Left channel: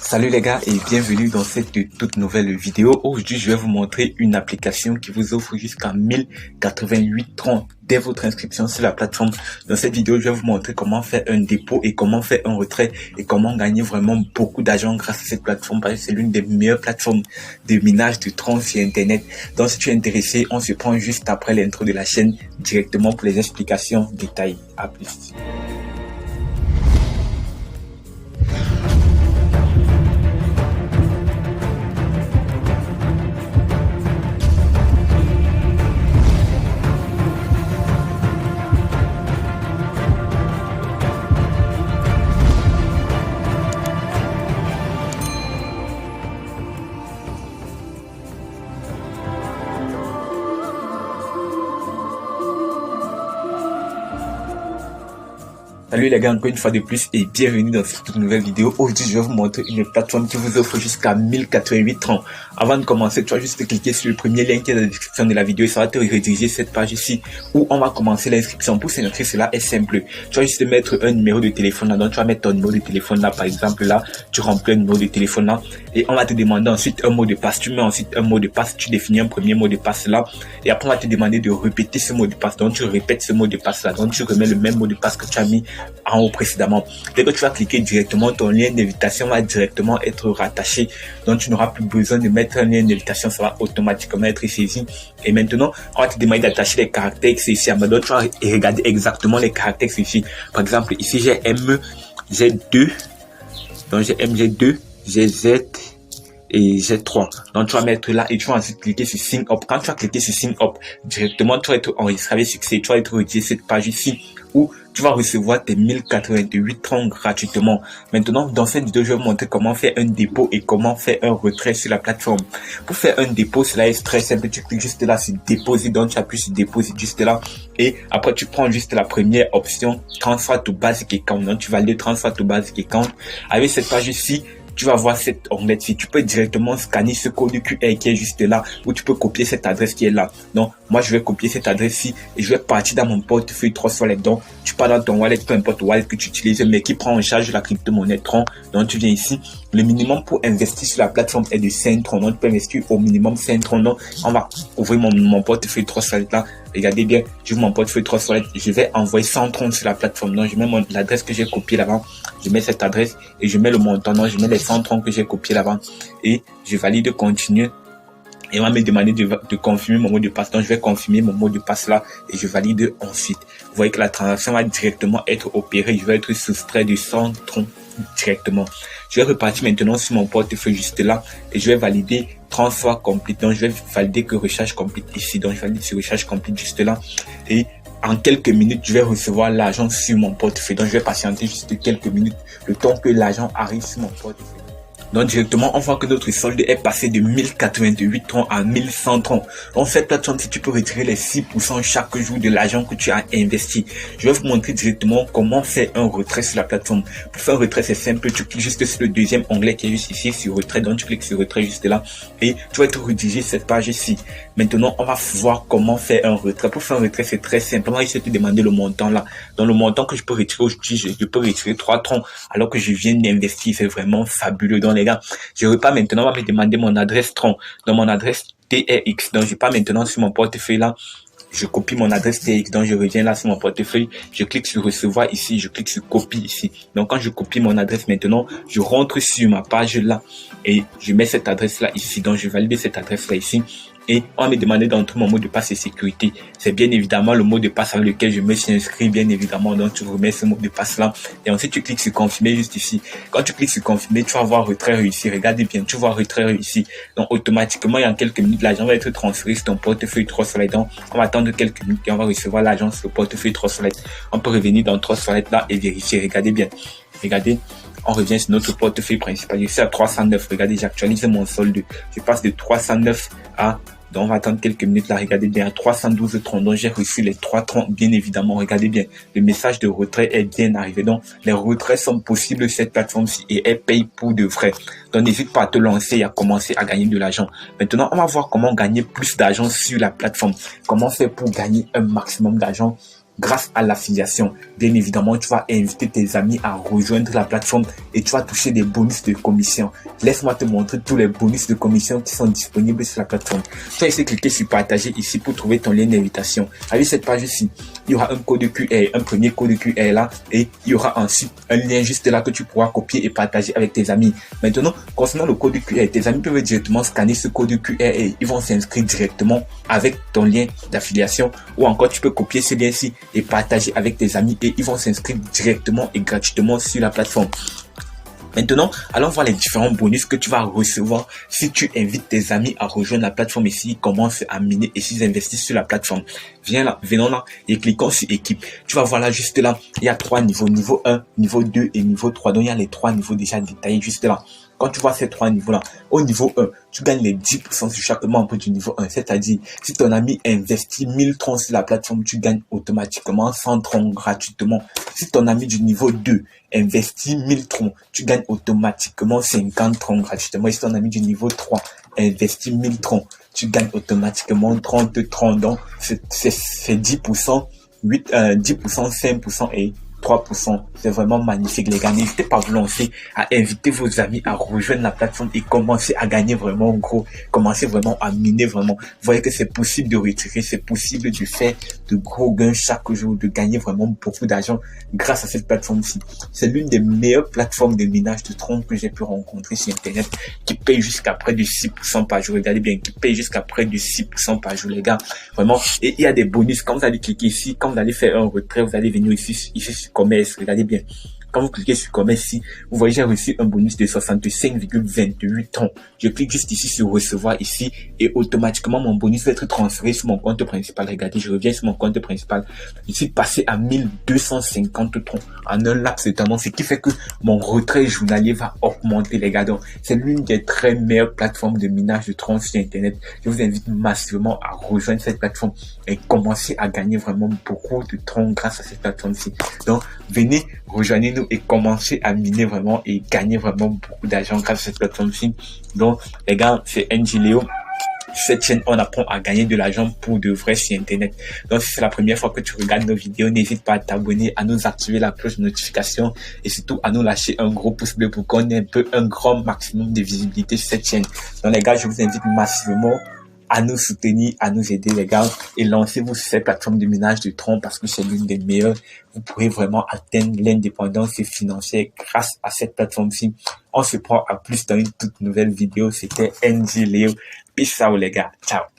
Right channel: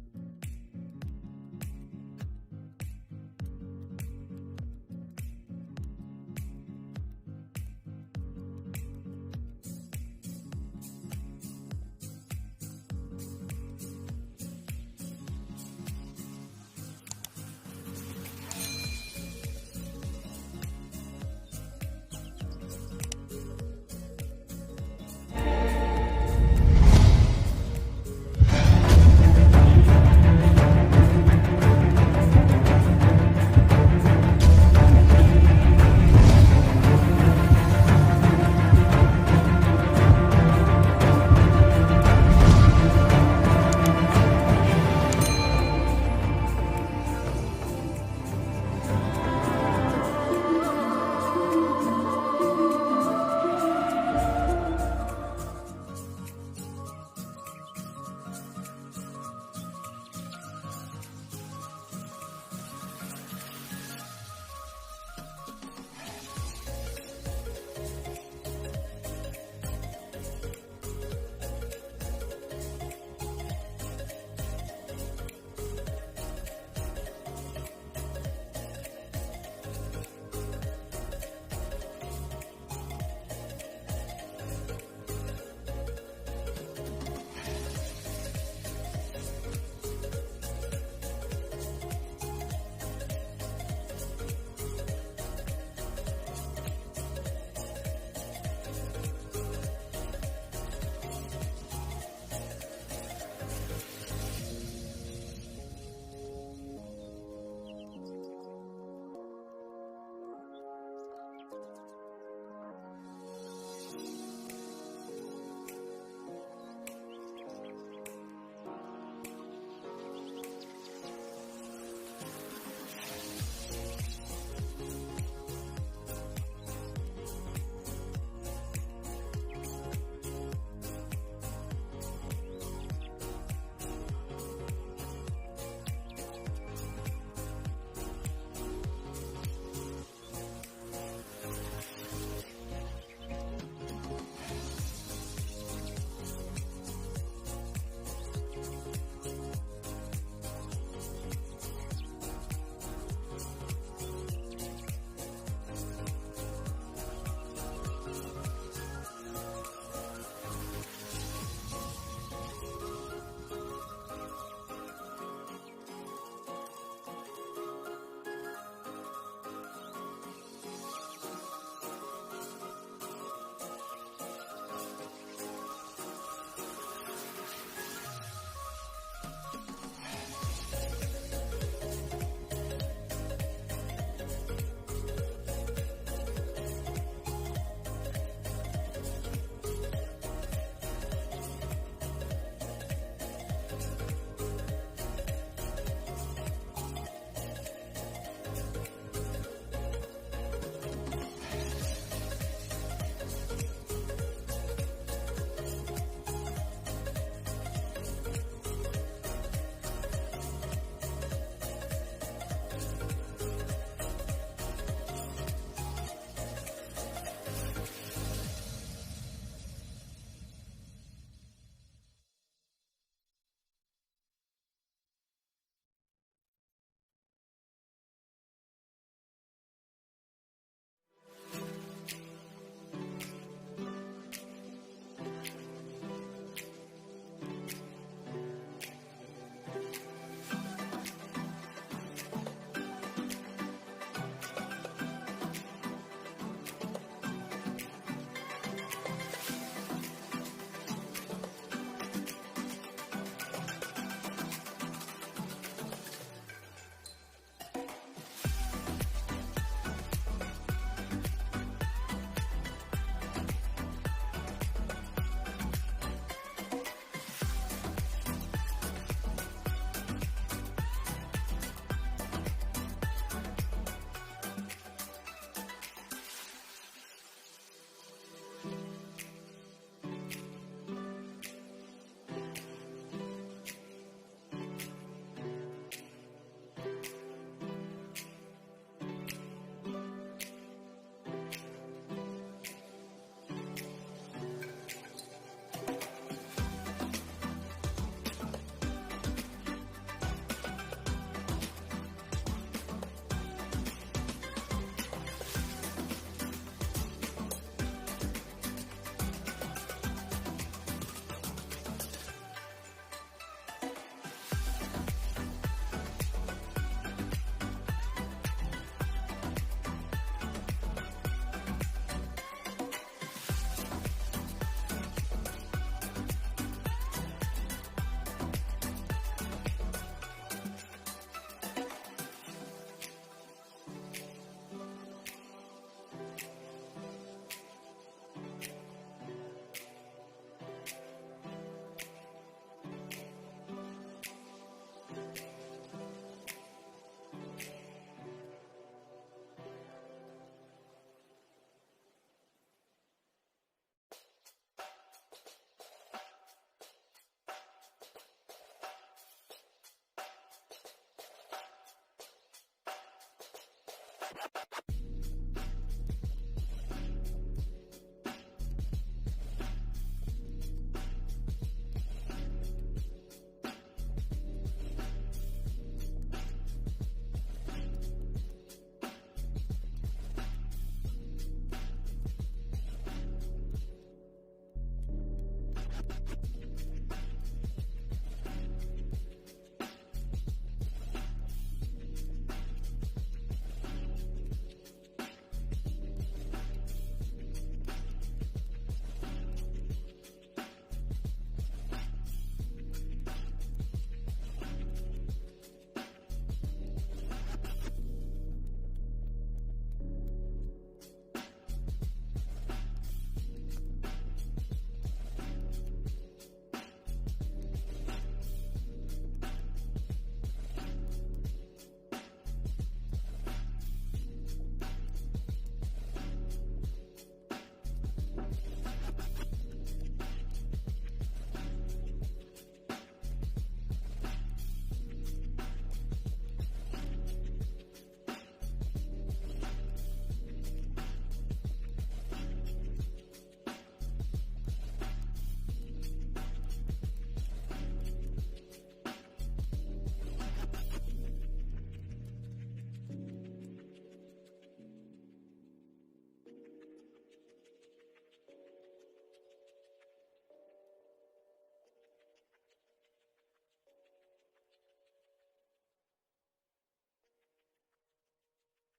Salut les gars et bienvenue dans cette toute nouvelle vidéo. Aujourd'hui, je vais vous montrer une application qui vous offre jusqu'à 1088 troncs dès votre inscription sur la plateforme. Dans cette vidéo, je vais vous montrer comment faire un dépôt et comment faire un retrait et comment gagner vraiment beaucoup d'argent grâce à cette plateforme parce que c'est l'une des meilleures plateformes de minage de troncs sur Internet. Donc si tu es intéressé, on se prend juste après l'intro de la chaîne directement pour les explications détaillées. À plus. Salut les gars, encore une fois de plus et bienvenue dans cette nouvelle vidéo. Aujourd'hui, je vais vous montrer une plateforme qui vous offre jusqu'à 1088 troncs. Avant de commencer, tu vas juste cliquer sur le premier lien qui est dans la description de la vidéo et ça va te rediriger cette page ici où on va commencer l'inscription. Pour s'inscrire, cela est simple. Tu vas juste mettre un numéro de téléphone là, donc tu vas mettre ton numéro de téléphone là, par exemple là, tu remplis un numéro de téléphone là et on va te demander ensuite un mot de passe. Tu mets ensuite un mot de passe, tu définis un premier mot de passe là et après on va te demander de répéter ce mot de passe. Donc tu répètes ce mot de passe là, donc tu remets le même mot de passe que tu as mis en haut précédemment. Dès que tu vas cliquer directement, ton lien d'invitation va directement être rattaché. Donc tu n'auras plus besoin de mettre un lien d'invitation, ça va automatiquement être saisi. Et maintenant, on va te demander d'attacher les caractères ici. Donc tu vas regarder exactement les caractères ici. Par exemple, ici j'ai M, j'ai 2. Donc j'ai M, j'ai 2, j'ai Z et G3. Donc tu vas mettre là et tu vas ensuite cliquer sur Sign Up. Quand tu vas cliquer sur Sign Up, directement tu vas être enregistré avec succès. Tu vas être redirigé cette page ici où tu vas recevoir tes 1088 troncs gratuitement. Maintenant, dans cette vidéo, je vais vous montrer comment faire un dépôt et comment faire un retrait sur la plateforme. Pour faire un dépôt, cela est très simple. Tu cliques juste là sur Déposer. Donc tu appuies sur Déposer juste là. Et après, tu prends juste la première option, Transfer to Basic Account. Donc tu valides Transfer to Basic Account. Avec cette page ici, tu vas voir cette onglet ici. Tu peux directement scanner ce code QR qui est juste là, ou tu peux copier cette adresse qui est là. Donc, moi, je vais copier cette adresse-ci et je vais partir dans mon portefeuille Trust-Wallet. Donc, tu pars dans ton wallet, peu importe le wallet que tu utilises, mais qui prend en charge la crypto-monnaie Tron. Donc, tu viens ici. Le minimum pour investir sur la plateforme est de 5 troncs. Donc, tu peux investir au minimum 5 troncs. Donc, on va ouvrir mon portefeuille Trust-Wallet là. Regardez bien, j'ouvre mon portefeuille Trust-Wallet. Je vais envoyer 100 troncs sur la plateforme. Donc, je mets l'adresse que j'ai copiée là-bas. Je mets cette adresse et je mets le montant. Donc, je mets les 100 troncs que j'ai copiés là-bas. Et je valide continuer. Et on va me demander de confirmer mon mot de passe. Donc, je vais confirmer mon mot de passe là et je valide ensuite. Vous voyez que la transaction va directement être opérée. Je vais être soustrait de 100 troncs directement. Je vais repartir maintenant sur mon portefeuille juste là et je vais valider transfert complete. Donc, je vais valider que recharge complete ici. Donc, je valide sur recharge complete juste là. Et en quelques minutes, je vais recevoir l'argent sur mon portefeuille. Donc, je vais patienter juste quelques minutes, le temps que l'argent arrive sur mon portefeuille. Donc directement, on voit que notre solde est passé de 1088 troncs à 1100 troncs. Donc cette plateforme, si tu peux retirer les 6% chaque jour de l'argent que tu as investi. Je vais vous montrer directement comment faire un retrait sur la plateforme. Pour faire un retrait, c'est simple. Tu cliques juste sur le deuxième onglet qui est juste ici, sur retrait. Donc tu cliques sur retrait juste là et tu vas être redirigé cette page ici. Maintenant, on va voir comment faire un retrait. Pour faire un retrait, c'est très simple. On va juste te demander le montant là. Dans le montant que je peux retirer aujourd'hui, je peux retirer 3 troncs alors que je viens d'investir. C'est vraiment fabuleux. Donc les gars, je repars maintenant, on va me demander mon adresse tronc. Dans mon adresse TRX. Donc je pars maintenant sur mon portefeuille là. Je copie mon adresse TX, donc je reviens là sur mon portefeuille, je clique sur recevoir ici, je clique sur copie ici. Donc quand je copie mon adresse maintenant, je rentre sur ma page là et je mets cette adresse là ici. Donc je valide cette adresse là ici. Et on me demandait d'entrer mon mot de passe et sécurité. C'est bien évidemment le mot de passe avec lequel je me suis inscrit, bien évidemment. Donc tu remets ce mot de passe là. Et ensuite tu cliques sur confirmer juste ici. Quand tu cliques sur confirmer, tu vas voir retrait réussi. Regardez bien, tu vois retrait réussi. Donc automatiquement, il y a quelques minutes, l'argent va être transféré sur ton portefeuille Trust-Wallet. Donc on va attendre quelques minutes et on va recevoir l'argent sur le portefeuille Trust-Wallet. On peut revenir dans Trust-Wallet là et vérifier. Regardez bien. Regardez, on revient sur notre portefeuille principal. Je suis à 309. Regardez, j'actualise mon solde. Je passe de 309 à... Donc, on va attendre quelques minutes là. Regardez bien, à 312 troncs. Donc, j'ai reçu les 3 troncs, bien évidemment. Regardez bien, le message de retrait est bien arrivé. Donc, les retraits sont possibles sur cette plateforme-ci et elle paye pour de vrai. Donc, n'hésite pas à te lancer et à commencer à gagner de l'argent. Maintenant, on va voir comment gagner plus d'argent sur la plateforme. Comment faire pour gagner un maximum d'argent grâce à l'affiliation. Bien évidemment, tu vas inviter tes amis à rejoindre la plateforme et tu vas toucher des bonus de commission. Laisse-moi te montrer tous les bonus de commission qui sont disponibles sur la plateforme. Tu vas essayer de cliquer sur partager ici pour trouver ton lien d'invitation. Avec cette page ici, il y aura un code QR, un premier code QR là, et il y aura ensuite un lien juste là que tu pourras copier et partager avec tes amis. Maintenant, concernant le code QR, tes amis peuvent directement scanner ce code QR et ils vont s'inscrire directement avec ton lien d'affiliation, ou encore tu peux copier ce lien-ci et partager avec tes amis et ils vont s'inscrire directement et gratuitement sur la plateforme. Maintenant, allons voir les différents bonus que tu vas recevoir si tu invites tes amis à rejoindre la plateforme et s'ils commencent à miner et s'ils investissent sur la plateforme. Viens là, venons là et cliquons sur équipe. Tu vas voir là, juste là, il y a 3 niveaux, niveau 1, niveau 2 et niveau 3. Donc, il y a les 3 niveaux déjà détaillés juste là. Quand tu vois ces 3 niveaux-là, au niveau 1, tu gagnes les 10% sur chaque membre du niveau 1. C'est-à-dire, si ton ami investit 1000 troncs sur la plateforme, tu gagnes automatiquement 100 troncs gratuitement. Si ton ami du niveau 2 investit 1000 troncs, tu gagnes automatiquement 50 troncs gratuitement. Et si ton ami du niveau 3 investit 1000 troncs, tu gagnes automatiquement 30 troncs. Donc, c'est 10%, 10%, 5% et 3%. C'est vraiment magnifique, les gars. N'hésitez pas à vous lancer, à inviter vos amis à rejoindre la plateforme et commencer à gagner vraiment gros. Commencer vraiment à miner vraiment. Vous voyez que c'est possible de retirer, c'est possible de faire de gros gains chaque jour, de gagner vraiment beaucoup d'argent grâce à cette plateforme-ci. C'est l'une des meilleures plateformes de minage de troncs que j'ai pu rencontrer sur Internet, qui paye jusqu'à près de 6% par jour. Regardez bien, qui paye jusqu'à près de 6% par jour, les gars. Vraiment. Et il y a des bonus. Quand vous allez cliquer ici, quand vous allez faire un retrait, vous allez venir ici sur commerce. Regardez bien. Quand vous cliquez sur commerce ici, vous voyez, j'ai reçu un bonus de 65,28 troncs. Je clique juste ici sur recevoir ici et automatiquement mon bonus va être transféré sur mon compte principal. Regardez, je reviens sur mon compte principal. Je suis passé à 1250 troncs en un laps de temps, ce qui fait que mon retrait journalier va augmenter, les gars. Donc, c'est l'une des très meilleures plateformes de minage de troncs sur Internet. Je vous invite massivement à rejoindre cette plateforme et commencer à gagner vraiment beaucoup de troncs grâce à cette plateforme-ci. Donc, venez, rejoignez-nous et commencer à miner vraiment et gagner vraiment beaucoup d'argent grâce à cette plateforme-ci. Donc, les gars, c'est NGLeo. Cette chaîne, on apprend à gagner de l'argent pour de vrai sur Internet. Donc, si c'est la première fois que tu regardes nos vidéos, n'hésite pas à t'abonner, à nous activer la cloche de notification et surtout à nous lâcher un gros pouce bleu pour qu'on ait un grand maximum de visibilité sur cette chaîne. Donc, les gars, je vous invite massivement à nous soutenir, à nous aider, les gars, et lancez-vous sur cette plateforme de minage de troncs parce que c'est l'une des meilleures. Vous pourrez vraiment atteindre l'indépendance financière grâce à cette plateforme-ci. On se prend à plus dans une toute nouvelle vidéo. C'était NGLeo. Peace out, les gars. Ciao.